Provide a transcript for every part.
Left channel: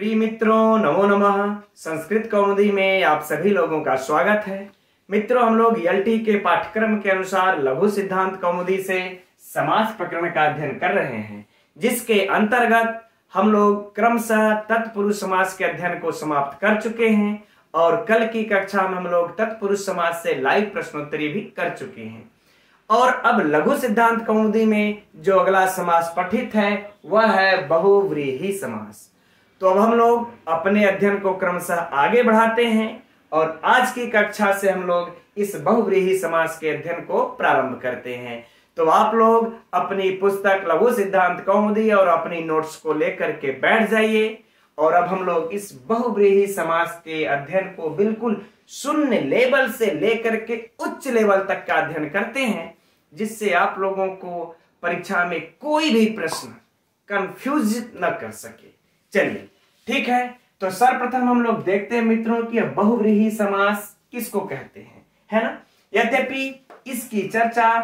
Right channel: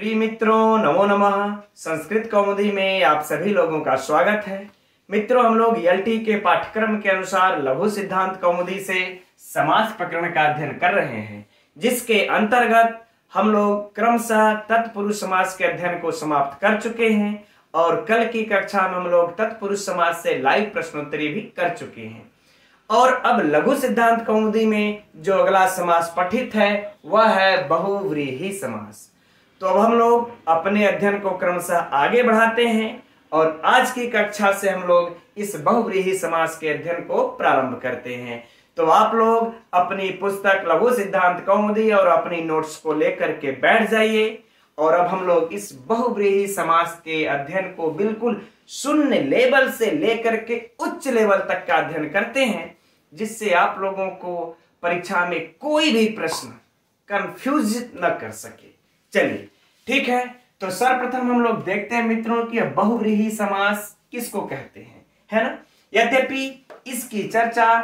प्रिय मित्रों, नमो नमः। संस्कृत कौमुदी में आप सभी लोगों का स्वागत है। मित्रों, हम लोग एलटी के पाठ्यक्रम के अनुसार लघु सिद्धांत कौमुदी से समास प्रकरण का अध्ययन कर रहे हैं, जिसके अंतर्गत हम लोग क्रमशः तत्पुरुष समास के अध्ययन को समाप्त कर चुके हैं और कल की कक्षा में हम लोग तत्पुरुष समास से लाइव प्रश्नोत्तरी भी कर चुके हैं। और अब लघु सिद्धांत कौमुदी में जो अगला समास पठित है वह है बहुव्रीहि समास। तो अब हम लोग अपने अध्ययन को क्रमशः आगे बढ़ाते हैं और आज की कक्षा से हम लोग इस बहुव्रीहि समास के अध्ययन को प्रारंभ करते हैं। तो आप लोग अपनी पुस्तक लघु सिद्धांत कौमुदी और अपनी नोट्स को लेकर के बैठ जाइए और अब हम लोग इस बहुव्रीहि समास के अध्ययन को बिल्कुल शून्य लेवल से लेकर के उच्च लेवल तक का अध्ययन करते हैं, जिससे आप लोगों को परीक्षा में कोई भी प्रश्न कंफ्यूज न कर सके। चलिए ठीक है, तो सर्वप्रथम हम लोग देखते हैं मित्रों कि बहुव्रीहि समास किसको कहते हैं, है ना। यद्यपि इसकी चर्चा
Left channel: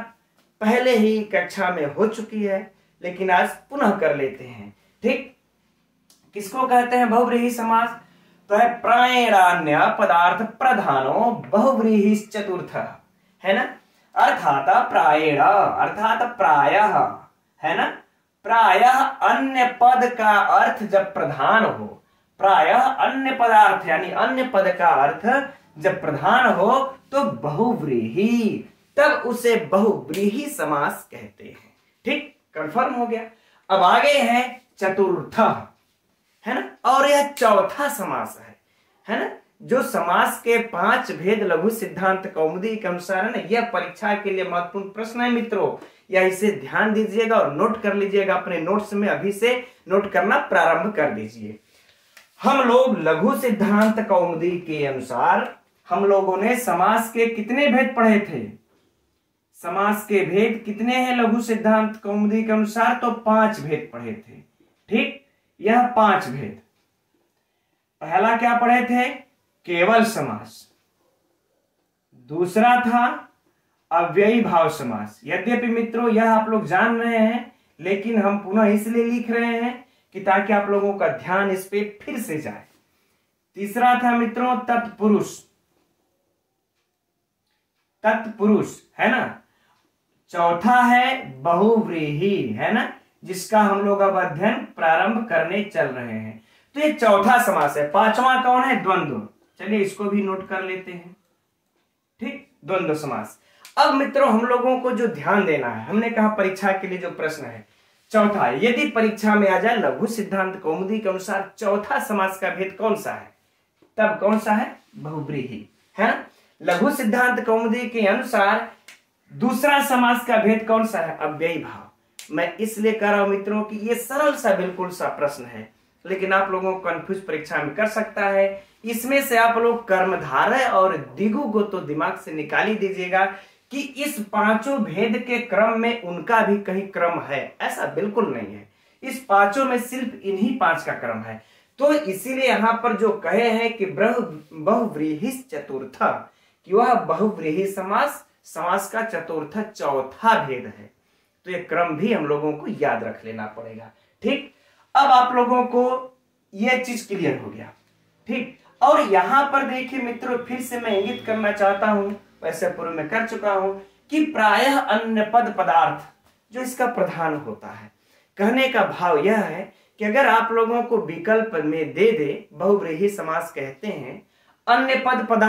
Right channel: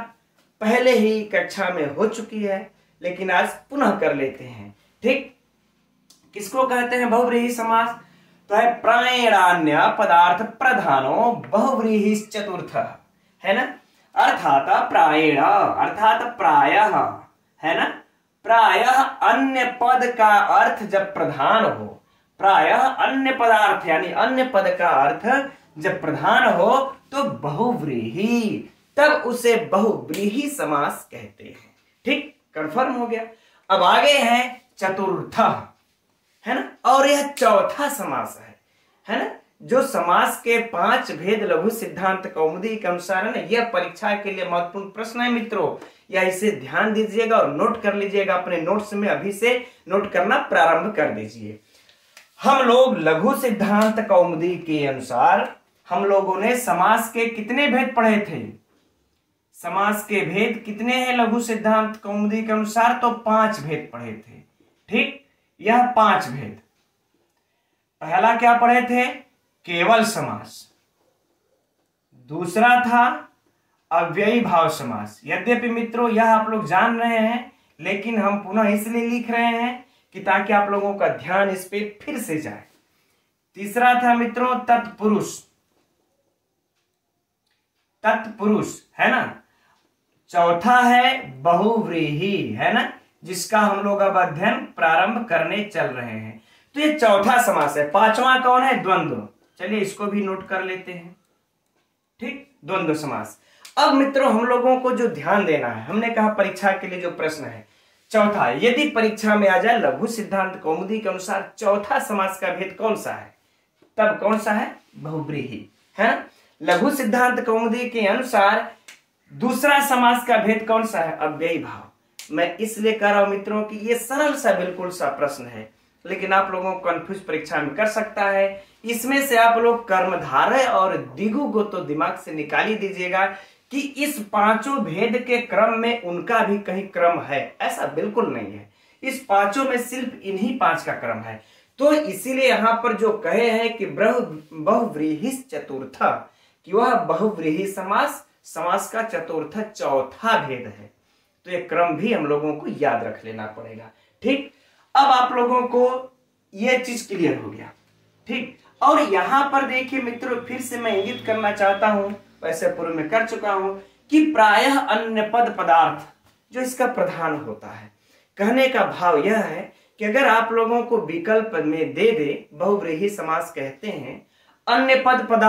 पहले ही कक्षा में हो चुकी है, लेकिन आज पुनः कर लेते हैं। ठीक, किसको कहते हैं बहुव्रीहि समास? तो है प्रायणान्य पदार्थ प्रधानो बहुव्रीहि चतुर्थ, है ना। अर्थात प्रायेण अर्थात प्रायः, है ना। प्रायः अन्य पद का अर्थ जब प्रधान हो, प्रायः अन्य पदार्थ यानी अन्य पद का अर्थ जब प्रधान हो तो बहुव्रीहि, तब उसे बहुव्रीहि समास कहते हैं। ठीक, कंफर्म हो गया। अब आगे है चतुर्थ, है ना, और यह चौथा समास है ना। जो समास के 5 भेद लघु सिद्धांत कौमुदी के अनुसार है ना, यह परीक्षा के लिए महत्वपूर्ण प्रश्न है मित्रों। या इसे ध्यान दीजिएगा और नोट कर लीजिएगा, अपने नोट्स में अभी से नोट करना प्रारंभ कर दीजिए। हम लोग लघु सिद्धांत कौमुदी के अनुसार हम लोगों ने समास के कितने भेद पढ़े थे? समास के भेद कितने हैं लघु सिद्धांत कौमुदी के अनुसार? तो 5 भेद पढ़े थे। ठीक, यह 5 भेद। पहला क्या पढ़े थे? केवल समास। दूसरा था अव्ययी भाव समास। यद्यपि मित्रों यह आप लोग जान रहे हैं, लेकिन हम पुनः इसलिए लिख रहे हैं कि ताकि आप लोगों का ध्यान इस पे फिर से जाए। तीसरा था मित्रों तत्पुरुष, तत्पुरुष, है ना। चौथा है बहुव्रीहि, है ना, जिसका हम लोग अब अध्ययन प्रारंभ करने चल रहे हैं। तो ये चौथा समास है। 5वां कौन है? द्वंद्व। चलिए इसको भी नोट कर लेते हैं। ठीक, द्वंद्व समास। अब मित्रों हम लोगों को जो ध्यान देना है, हमने कहा परीक्षा के लिए जो प्रश्न है चौथा, यदि परीक्षा में आ जाए लघु सिद्धांत कौमुदी के अनुसार चौथा समास का भेद कौन सा है, तब कौन सा है? बहुव्रीहि, है ना। लघु सिद्धांत कौमुदी के अनुसार दूसरा समास का भेद कौन सा है? अव्ययी भाव। मैं इसलिए कह रहा हूं मित्रों कि ये सरल सा बिल्कुल सा प्रश्न है, लेकिन आप लोगों को कंफ्यूज परीक्षा में कर सकता है। इसमें से आप लोग कर्मधारय और दिगु को तो दिमाग से निकाल ही दीजिएगा कि इस 5 भेद के क्रम में उनका भी कहीं क्रम है, ऐसा बिल्कुल नहीं है। इस 5 में सिर्फ इन्हीं 5 का क्रम है। तो इसीलिए यहां पर जो कहे हैं कि बहुव्रीहि चतुर्थ, कि वह बहुव्रीहि समास, समास का चतुर्थ चौथा भेद है। तो ये क्रम भी हम लोगों को याद रख लेना पड़ेगा। ठीक, अब आप लोगों को यह चीज क्लियर हो गया। ठीक, और यहां पर देखिए मित्रों, फिर से मैं इंगित करना चाहता हूं, वैसे पूर्व में कर चुका हूं, कि प्रायः अन्य पद पदार्थ जो इसका प्रधान होता है। कहने का भाव यह है कि अगर आप लोगों को विकल्प में दे दे बहुव्रीहि समास कहते हैं, अन्य पद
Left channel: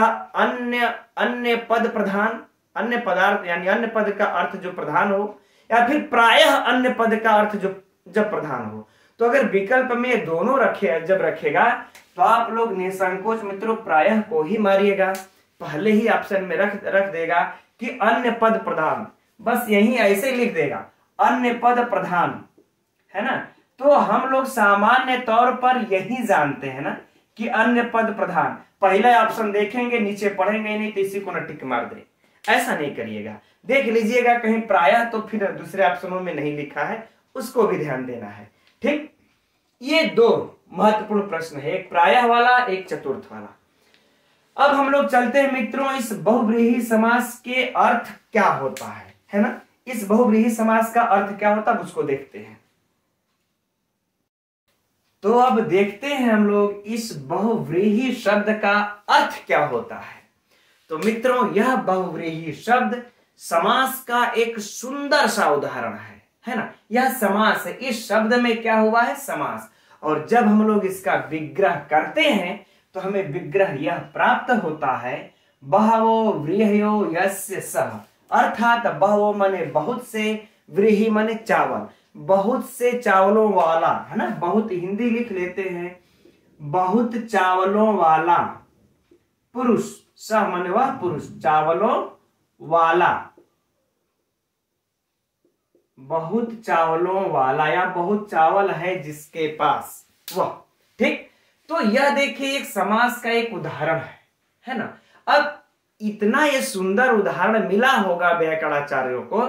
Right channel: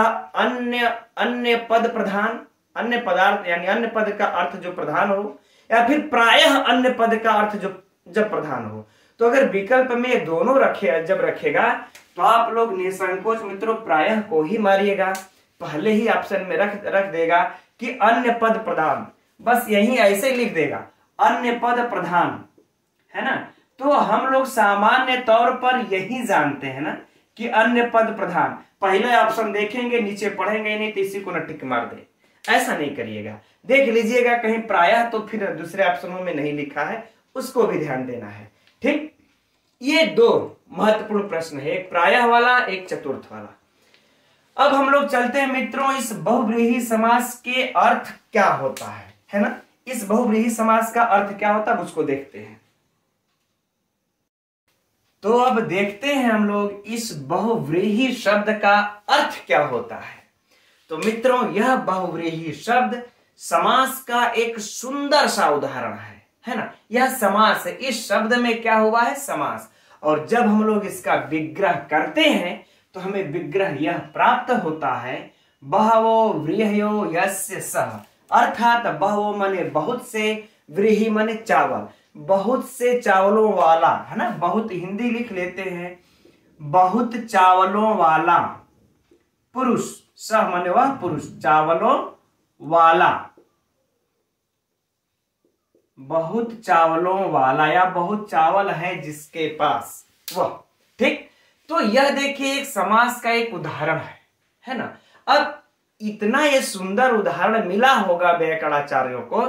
अन्य पद प्रधान, अन्य पदार्थ यानी अन्य पद का अर्थ जो प्रधान हो, या फिर प्रायः अन्य पद का अर्थ जो जब प्रधान हो, तो अगर विकल्प में ये दोनों जब रखेगा तो आप लोग निसंकोच मित्रों प्रायः को ही मारिएगा। पहले ही ऑप्शन में रख देगा कि अन्य पद प्रधान, बस यही ऐसे लिख देगा अन्य पद प्रधान, है ना। तो हम लोग सामान्य तौर पर यही जानते हैं ना कि अन्य पद प्रधान। पहले ऑप्शन देखेंगे, नीचे पढ़ेंगे नहीं तो इसी को न टिक मार दे, ऐसा नहीं करिएगा। देख लीजिएगा कहीं प्रायः तो फिर दूसरे ऑप्शनों में नहीं लिखा है, उसको भी ध्यान देना है। ठीक, ये 2 महत्वपूर्ण प्रश्न है, एक प्रायः वाला, एक चतुर्थ वाला। अब हम लोग चलते हैं मित्रों इस बहुव्रीहि समास के अर्थ क्या होता है ना। इस बहुव्रीहि समास का अर्थ क्या होता है उसको देखते हैं। तो अब देखते हैं हम लोग इस बहुव्रीहि शब्द का अर्थ क्या होता है। तो मित्रों, यह बहुव्रीहि शब्द समास का एक सुंदर सा उदाहरण है ना। यह समास है, इस शब्द में क्या हुआ है, समास। और जब हम लोग इसका विग्रह करते हैं तो हमें विग्रह यह प्राप्त होता है, बहवो व्रीहयो यस्य सः, अर्थात बहवो माने बहुत से, व्रीहि माने चावल, बहुत से चावलों वाला, है ना। बहुत हिंदी लिख लेते हैं, बहुत चावलों वाला पुरुष, सह माने वह पुरुष, चावलों वाला, बहुत चावलों वाला या बहुत चावल है जिसके पास वह। ठीक, तो यह देखिए एक समास का एक उदाहरण है ना। अब इतना ये सुंदर उदाहरण मिला होगा व्याकरणाचार्यों को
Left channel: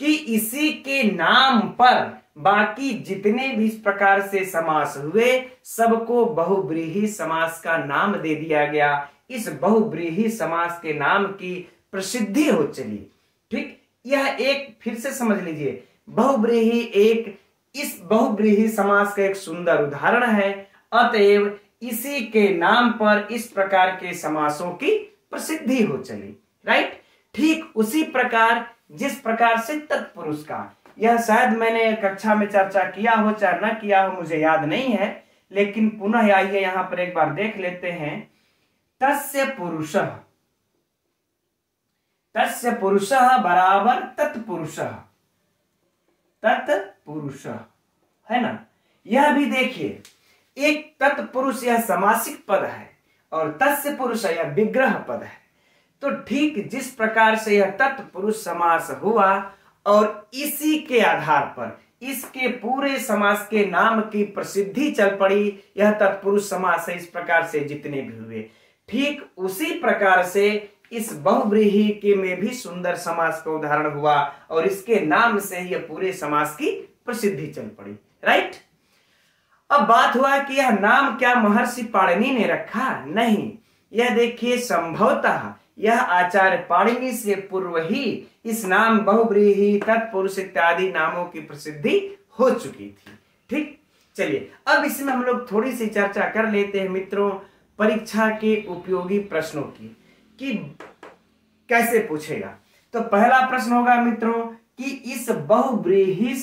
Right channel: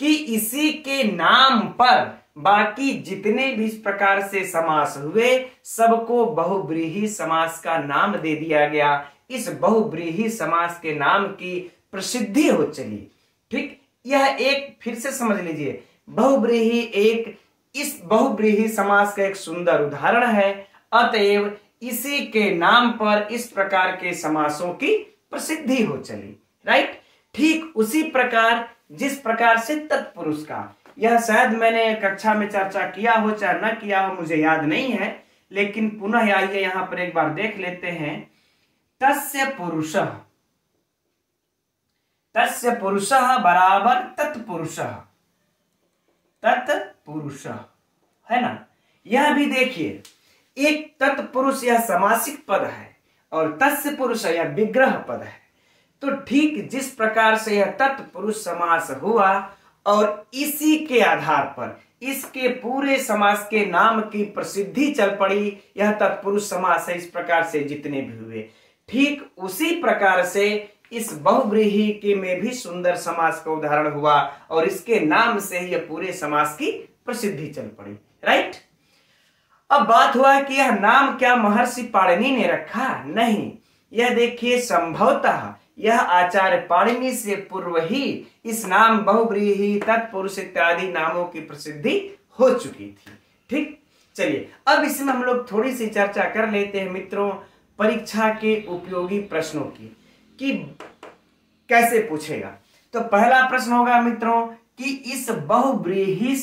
कि इसी के नाम पर बाकी जितने भी इस प्रकार से समास हुए सबको बहुव्रीहि समास का नाम दे दिया गया। इस बहुव्रीहि समास के नाम की प्रसिद्धि हो चली। ठीक, यह एक फिर से समझ लीजिए, बहुव्रीहि एक इस बहुव्रीहि समास का एक सुंदर उदाहरण है, अतएव इसी के नाम पर इस प्रकार के समासों की प्रसिद्धि हो चली। राइट, ठीक उसी प्रकार जिस प्रकार से तत्पुरुष का, यह शायद मैंने कक्षा में चर्चा किया हो चाहे न किया हो, मुझे याद नहीं है, लेकिन पुनः आइए यहां पर एक बार देख लेते हैं। तस्य पुरुषः, तस्य पुरुषः बराबर तत्पुरुषः, तत्पुरुषः, है ना। यह भी देखिए, एक तत्पुरुष यह समासिक पद है और तस्य पुरुष यह विग्रह पद है। तो ठीक जिस प्रकार से यह तत्पुरुष समास हुआ और इसी के आधार पर इसके पूरे समास के नाम की प्रसिद्धि चल पड़ी, यह तत्पुरुष समास है, इस प्रकार से जितने भी हुए, ठीक उसी प्रकार से इस बहुव्रीहि के में भी सुंदर समास का उदाहरण हुआ और इसके नाम से ही यह पूरे समास की प्रसिद्धि चल पड़ी। राइट, अब बात हुआ कि यह नाम क्या महर्षि पाणिनि ने रखा? नहीं, यह देखिए संभवतः यह आचार्य पाणिनि से पूर्व ही इस नाम बहुव्रीहि, तत्पुरुष इत्यादि नामों की प्रसिद्धि हो चुकी थी। ठीक, चलिए अब इसमें हम लोग थोड़ी सी चर्चा कर लेते हैं मित्रों परीक्षा के उपयोगी प्रश्नों की, कि कैसे पूछेगा। तो पहला प्रश्न होगा मित्रों कि इस बहुव्रीहि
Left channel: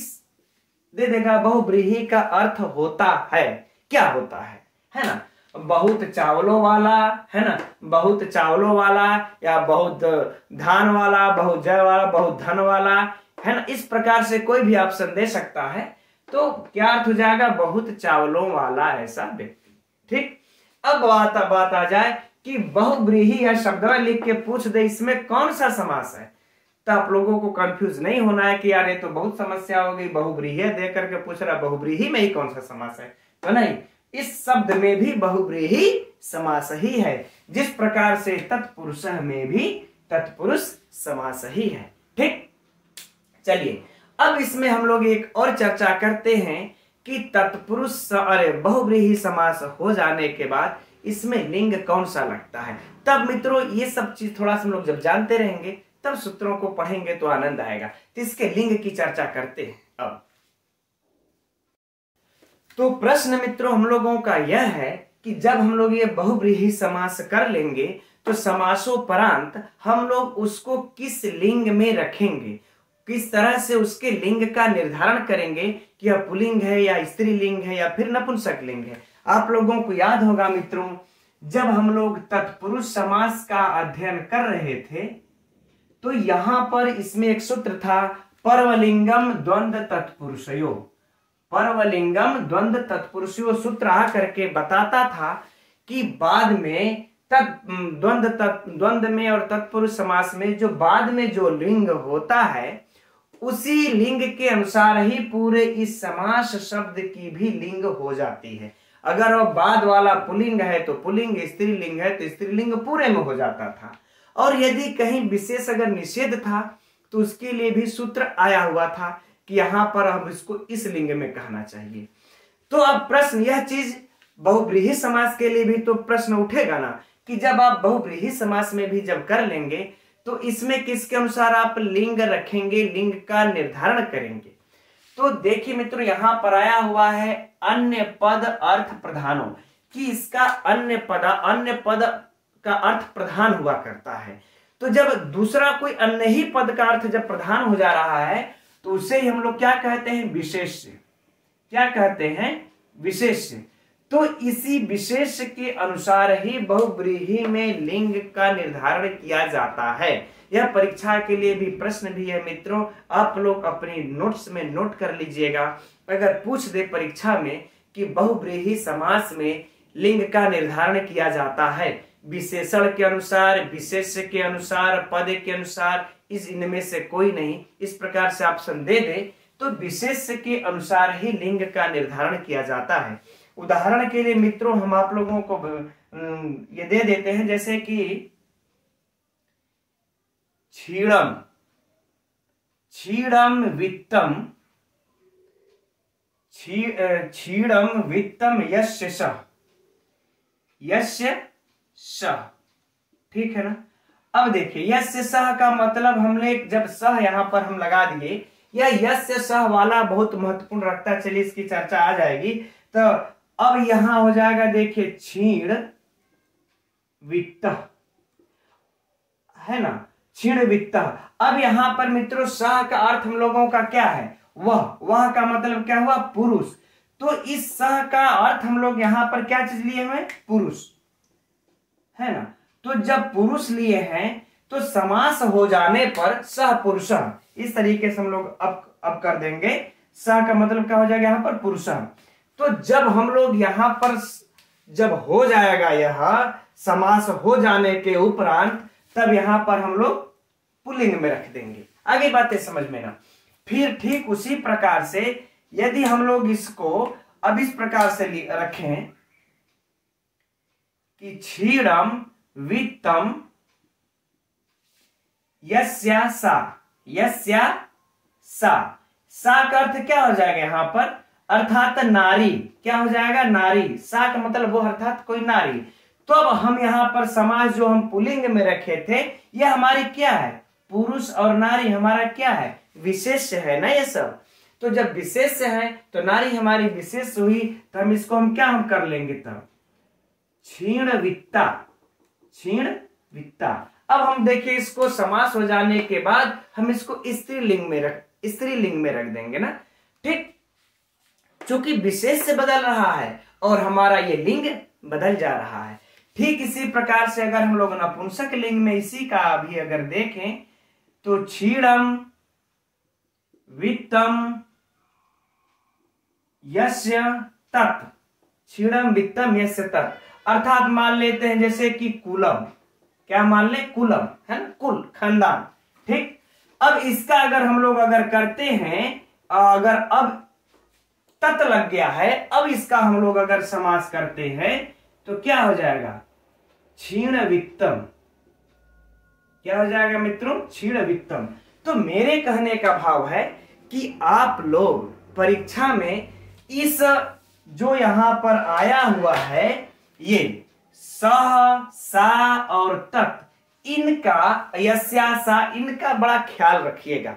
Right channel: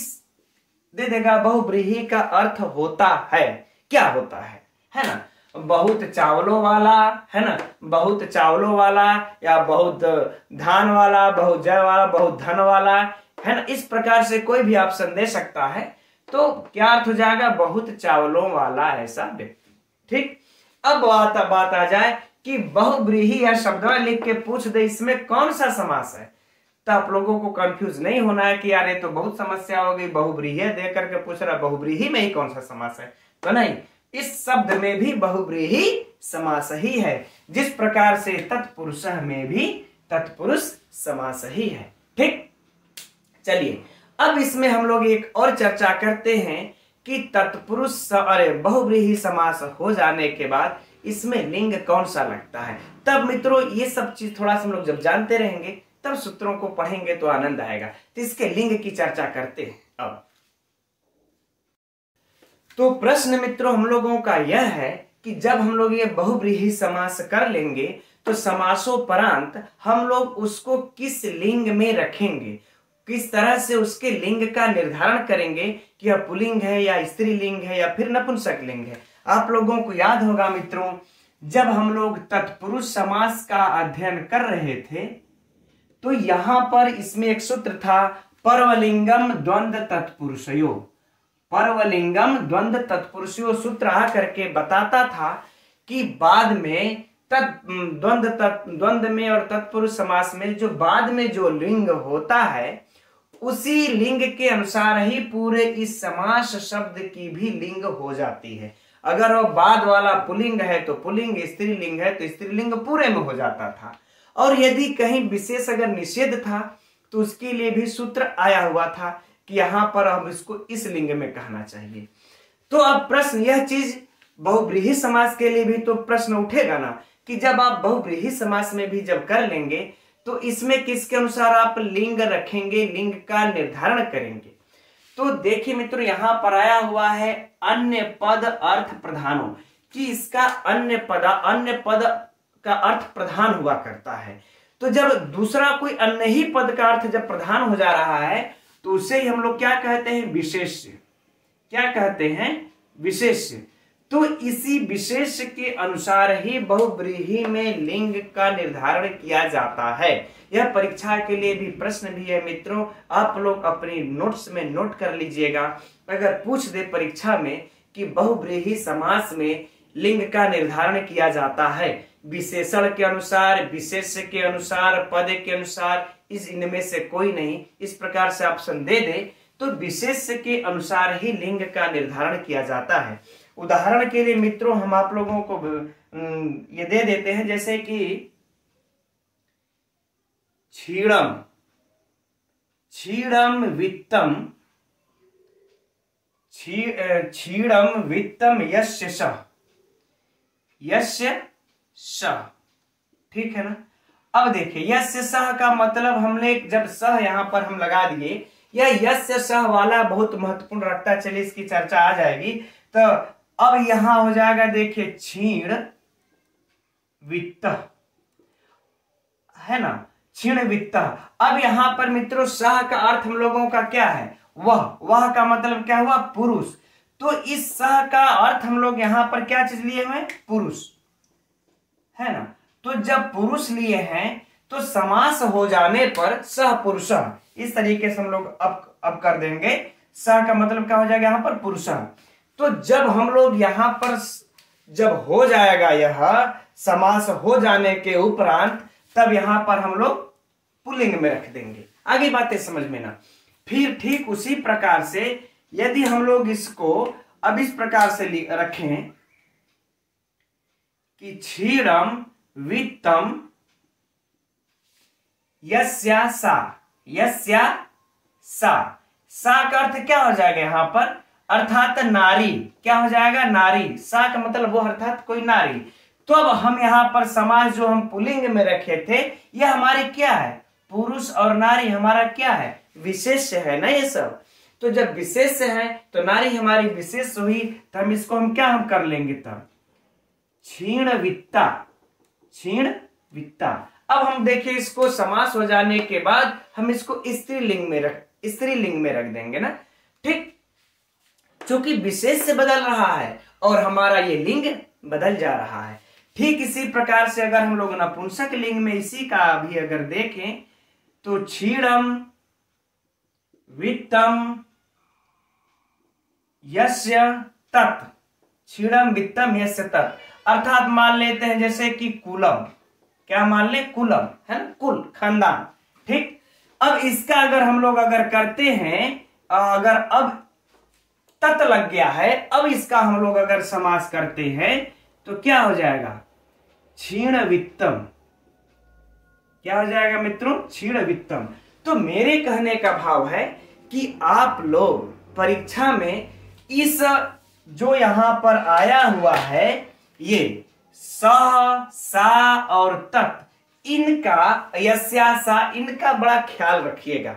दे देगा, बहुव्रीहि का अर्थ होता है, क्या होता है ना। बहुत चावलों वाला, है ना, बहुत चावलों वाला या बहुत धान वाला, बहुत जय वाला, बहुत धन वाला, है ना। इस प्रकार से कोई भी ऑप्शन दे सकता है। तो क्या अर्थ हो जाएगा? बहुत चावलों वाला ऐसा व्यक्ति। ठीक, अब बात आ जाए कि बहुव्रीहि या शब्द लिख के पूछ दे इसमें कौन सा समास है, तो आप लोगों को कंफ्यूज नहीं होना है कि यार ये तो बहुत समस्या हो गई, बहुव्रीहि दे करके पूछ रहा, बहुव्रीहि में ही कौन सा समास है? तो नहीं, इस शब्द में भी बहुव्रीहि समास ही है, जिस प्रकार से तत्पुरुष में भी तत्पुरुष समास ही है। ठीक, चलिए अब इसमें हम लोग एक और चर्चा करते हैं कि तत्पुरुष अरे बहुव्रीहि समास हो जाने के बाद इसमें लिंग कौन सा लगता है। तब मित्रों ये सब चीज थोड़ा सा हम लोग जब जानते रहेंगे तब सूत्रों को पढ़ेंगे तो आनंद आएगा। तो इसके लिंग की चर्चा करते हैं अब। तो प्रश्न मित्रों हम लोगों का यह है कि जब हम लोग ये बहुव्रीहि समास कर लेंगे तो समासोपरांत हम लोग उसको किस लिंग में रखेंगे, किस तरह से उसके लिंग का निर्धारण करेंगे कि यह पुल्लिंग है या स्त्रीलिंग है या फिर नपुंसक लिंग है। आप लोगों को याद होगा मित्रों, जब हम लोग तत्पुरुष समास का अध्ययन कर रहे थे तो यहां पर इसमें एक सूत्र था, पर्वलिंगम द्वंद्व तत्पुरुषयो। पर्वलिंगम द्वंद्व तत्पुरुषयो सूत्र आ करके बताता था कि बाद में द्वंद्व में और तत्पुरुष समास में जो बाद में जो लिंग होता है उसी लिंग के अनुसार ही पूरे इस समास शब्द की भी लिंग हो जाती है। अगर वो बाद वाला पुल्लिंग है तो पुल्लिंग, स्त्रीलिंग है तो स्त्रीलिंग पूरे में हो जाता था। और यदि कहीं विशेष अगर निषेध था तो उसके लिए भी सूत्र आया हुआ था कि यहां पर अब इसको इस लिंग में कहना चाहिए। तो अब प्रश्न यह चीज बहुव्रीहि समास के लिए भी तो प्रश्न उठेगा ना कि जब आप बहुव्रीहि समास में भी जब कर लेंगे तो इसमें किसके अनुसार आप लिंग रखेंगे, लिंग का निर्धारण करेंगे। तो देखिए मित्रों, यहां पर आया हुआ है अन्य पद अर्थ प्रधानों, कि इसका अन्य पद का अर्थ प्रधान हुआ करता है। तो जब दूसरा कोई अन्य ही पद का अर्थ जब प्रधान हो जा रहा है तो उसे ही हम लोग क्या कहते हैं? विशेष्य। क्या कहते हैं? विशेष्य। तो इसी विशेष्य के अनुसार ही बहुव्रीहि में लिंग का निर्धारण किया जाता है। यह परीक्षा के लिए भी प्रश्न भी है मित्रों, आप लोग अपनी नोट्स में नोट कर लीजिएगा। अगर पूछ दे परीक्षा में कि बहुव्रीहि समास में लिंग का निर्धारण किया जाता है विशेषण के अनुसार, विशेष्य के अनुसार, पद के अनुसार, इनमें से कोई नहीं, इस प्रकार से ऑप्शन दे दे तो विशेष्य के अनुसार ही लिंग का निर्धारण किया जाता है। उदाहरण के लिए मित्रों हम आप लोगों को ये दे देते हैं, जैसे कि क्षीणम, क्षीणम वित्तम, क्षीणम वित्तम यस्य सः, यस्य सः, ठीक है ना। अब देखिए यस्य सः का मतलब हमने जब सः यहां पर हम लगा दिए, यह यस्य सः वाला बहुत महत्वपूर्ण रखता है, चलिए इसकी चर्चा आ जाएगी। तो अब यहां हो जाएगा देखिए क्षीण वित्त, है ना, क्षीण वित्त। अब यहां पर मित्रों सः का अर्थ हम लोगों का क्या है? वह का मतलब क्या हुआ? पुरुष। तो इस सः का अर्थ हम लोग यहां पर क्या चीज लिए हुए? पुरुष, है ना। तो जब पुरुष लिए हैं तो समास हो जाने पर सह पुरुष, इस तरीके से हम लोग अब कर देंगे। सह का मतलब क्या हो जाएगा यहां पर? पुरुष। तो जब हम लोग यहां पर जब हो जाएगा यह समास हो जाने के उपरांत, तब यहां पर हम लोग पुल्लिंग में रख देंगे। आगे बातें समझ में ना। फिर ठीक उसी प्रकार से यदि हम लोग इसको अब इस प्रकार से रखें कि क्षीणम वित्तम यस्या सा, यस्या सा, सा का अर्थ क्या हो जाएगा यहां पर? अर्थात नारी। क्या हो जाएगा? नारी। सा का मतलब वो अर्थात कोई नारी। तो अब हम यहां पर समास जो हम पुल्लिंग में रखे थे, यह हमारी क्या है? पुरुष और नारी हमारा क्या है? विशेष है ना ये सब। तो जब विशेष है तो नारी हमारी विशेष हुई, तो हम इसको हम क्या कर लेंगे तब? क्षीण वित्ता, क्षीण वित्ता। अब हम देखिए इसको समास हो जाने के बाद हम इसको स्त्रीलिंग में रख देंगे ना, ठीक। क्योंकि विशेष से बदल रहा है और हमारा ये लिंग बदल जा रहा है। ठीक इसी प्रकार से अगर हम लोग नपुंसक लिंग में इसी का भी अगर देखें तो क्षीणम वित्तम यस्य तत्, क्षीणम वित्तम यस्य तत्, अर्थात मान लेते हैं जैसे कि कुलम। क्या मान ले? कुलम, है ना, कुल, खानदान, ठीक। अब इसका अगर हम लोग अगर करते हैं, अगर अब तत् लग गया है, अब इसका हम लोग अगर समास करते हैं तो क्या हो जाएगा? क्षीण वित्तम। क्या हो जाएगा मित्रों? क्षीण वित्तम। तो मेरे कहने का भाव है कि आप लोग परीक्षा में इस जो यहां पर आया हुआ है ये सह, सा और तत्, इनका, यस्या, सा, इनका बड़ा ख्याल रखिएगा,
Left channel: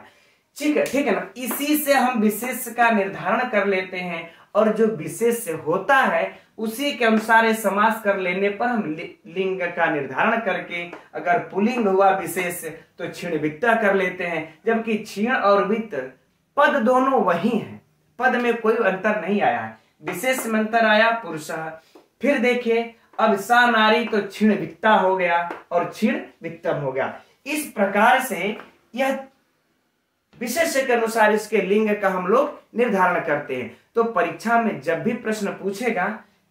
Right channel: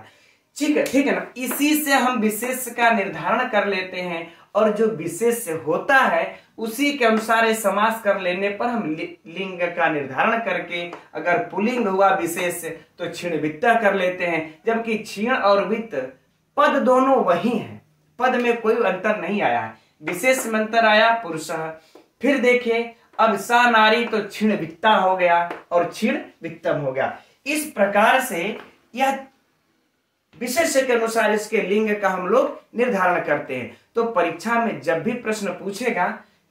ठीक है ना। इसी से हम विशेष का निर्धारण कर लेते हैं और जो विशेष होता है उसी के अनुसार समास कर लेने पर हम लिंग का निर्धारण करके अगर पुल्लिंग हुआ विशेष तो क्षीण वित्ता कर लेते हैं। जबकि क्षीण और वित्त पद दोनों वही हैं, पद में कोई अंतर नहीं आया है, विशेष में अंतर आया पुरुष। फिर देखिए अब सा नारी तो क्षीण वित्ता हो गया और क्षीण वित्तम हो गया। इस प्रकार से यह विशेष के अनुसार इसके लिंग का हम लोग निर्धारण करते हैं। तो परीक्षा में जब भी प्रश्न पूछेगा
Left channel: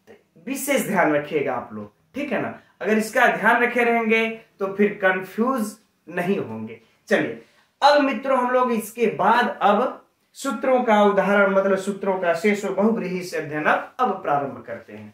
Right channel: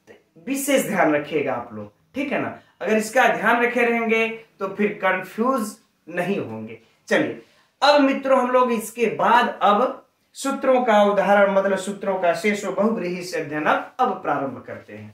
तो विशेष ध्यान रखिएगा आप लोग, ठीक है ना। अगर इसका ध्यान रखे रहेंगे तो फिर कंफ्यूज नहीं होंगे। चलिए अब मित्रों हम लोग इसके बाद अब सूत्रों का उदाहरण, मतलब सूत्रों का शेष बहुव्रीहि से अध्ययन अब प्रारंभ करते हैं।